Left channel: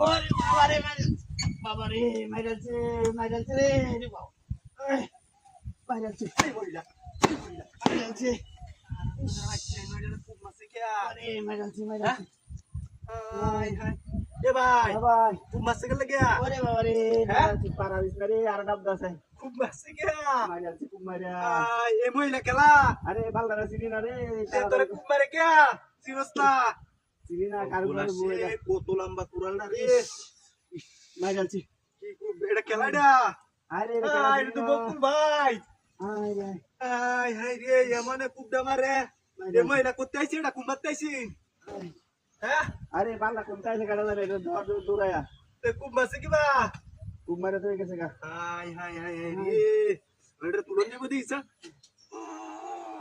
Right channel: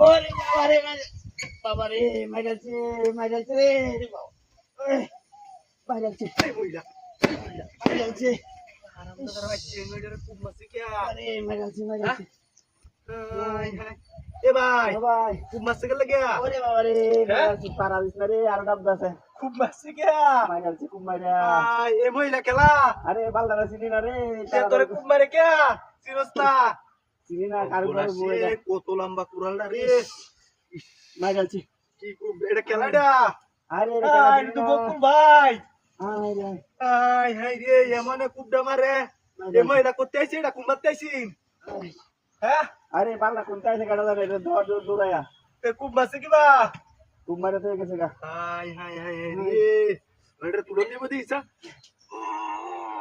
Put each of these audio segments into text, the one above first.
ওরে বাবা রে মাইরালছে মাইরালছে রে মাইরালছে মাইরালছে আরে মাইরালছে মাইরালছে এ ভাই ভাই খুব মারছে গেলে গিয়া ওরে বাবা রে মাইরালছে পারা দিছ রে আর ডাব দাসে খুব মারছে গিয়া মাইরালছে খুব মাইরা এ মহিলা খেলা আরে বালদারা চিনি না রে তোরে খুব মারে গিয়া চিরস্তা চিনি না কারবার বই কত লম্বা কুড়ালটা রে মাইরালছে কি খুব এটা খেলাটা আরে এটা তো বকুল ভাই আরে আই হাই রে এমনে কুবডা মারে এ মহিলা করতে আইছে এটা কুমারতে আইছি হ্যাঁ আরে বালা কোনটা এসে কাটা যাবে এটা ধর দূরায়া তে কুব মারছে কিবা খুব মারে তো গেছে গা হাই হাই হাই রে এটা তুলে নিব দিছা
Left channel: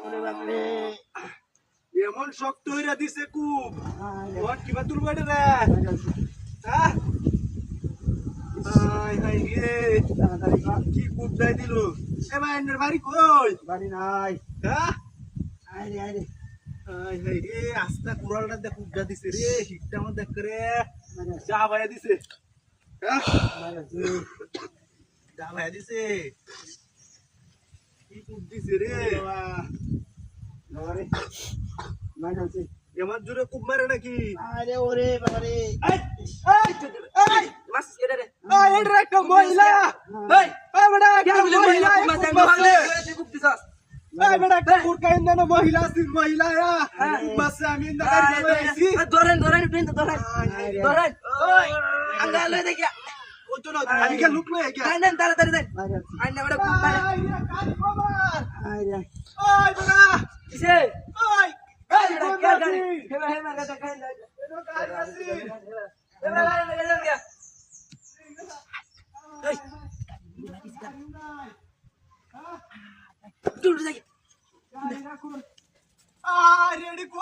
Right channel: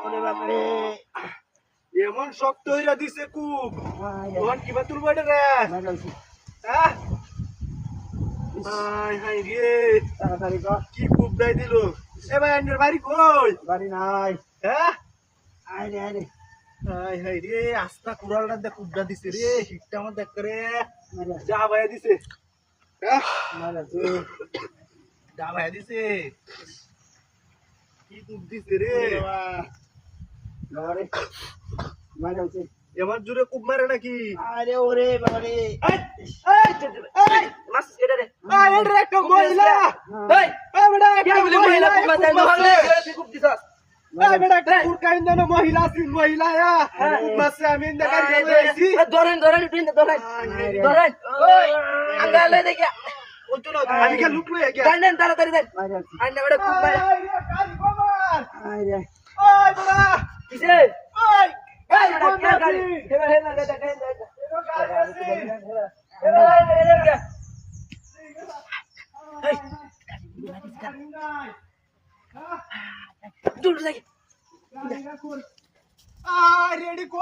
ওরে বাবা রে এমন শক্ত হইরা দিছে কুব আরে ওর কিবা তুলবো এটা রে মাইরালছে হ্যাঁ হাই হাই রে তাড়াতাড়ি কর কি কুব দাই দিল এ ভাই আন্ডার বাড়ি কই বাড়ি নাই হ্যাঁ আরে আরে হাই হাই রে আস্তা কুড়ালটা দেখ কুবডা দিছে রে হিটটা আমার দেখ করে মাইরালছে যা ভাইয়া দিছে হ্যাঁ মাইরালছে যা ভাইয়া দিছে কি কুব দিছে রে আরে মাইরালছে এমন জোরে কুব মারে নাকি আরে ওরে বাবা রে মাস এটা রে এটা একটা মহিলা এই বেটা একটা মহিলা কুব মারতে নহলে তুই কুব দিছস বেটা একটা কুরকাইন না মহিলা সিন মহিলা কুব মারছে আমি ইন্দা গাড়ি লইছি ধরেন বিন্দু ধরেন ওই আঙ্গালে দেখিয়া ও তো না আমি কে লুক লই গিয়া দেন তাড়াতাড়ি দেন মাইরালছে আইনা বড় খুব মারে কালি কমার আরে ওই বেটা কিসে ওই এই বড় গাড়ি হে মাগা দেখাই দেন এনো গাড়ি আছে দূর যাই রেডি কো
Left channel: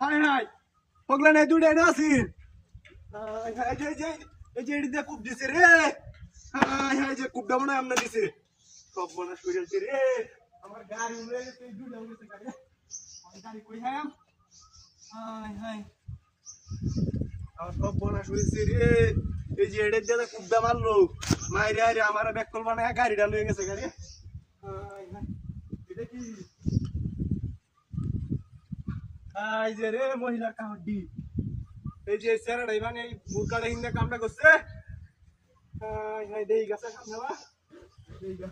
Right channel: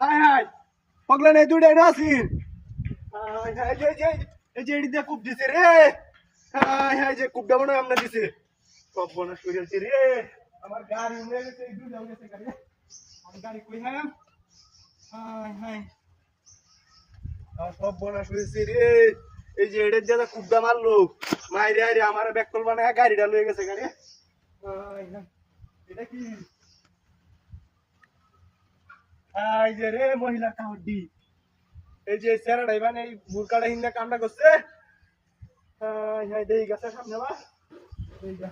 হাই হাই পগলা নাই দুড়ে না আসিন হাই হাই এই যে এডি দে কুব দিছে রে হাই হাই যে কুবডা মনে আমরা দিছে সব বনাস কইলছে রে আমার গাড়ি উড়ে গেছে এই দুড়ে গেছে গাড়ি আমার গাড়ি কই হাম হাই হাই আর সব বনাস কইছে রে এই যে এডি দে কুবডা মারলো মাইরে আরে আমার ব্যাককল বানায় গাড়িটা লয়ে গেছে গাড়ি হাই হাই এটা কি আই যে রে মহিলা কাউডি এই যে সেরাডাই মানে এই মুরকাটা হিন্দা কামটা করছে হাই হাই দেই গেছে সামনে বা দেই গা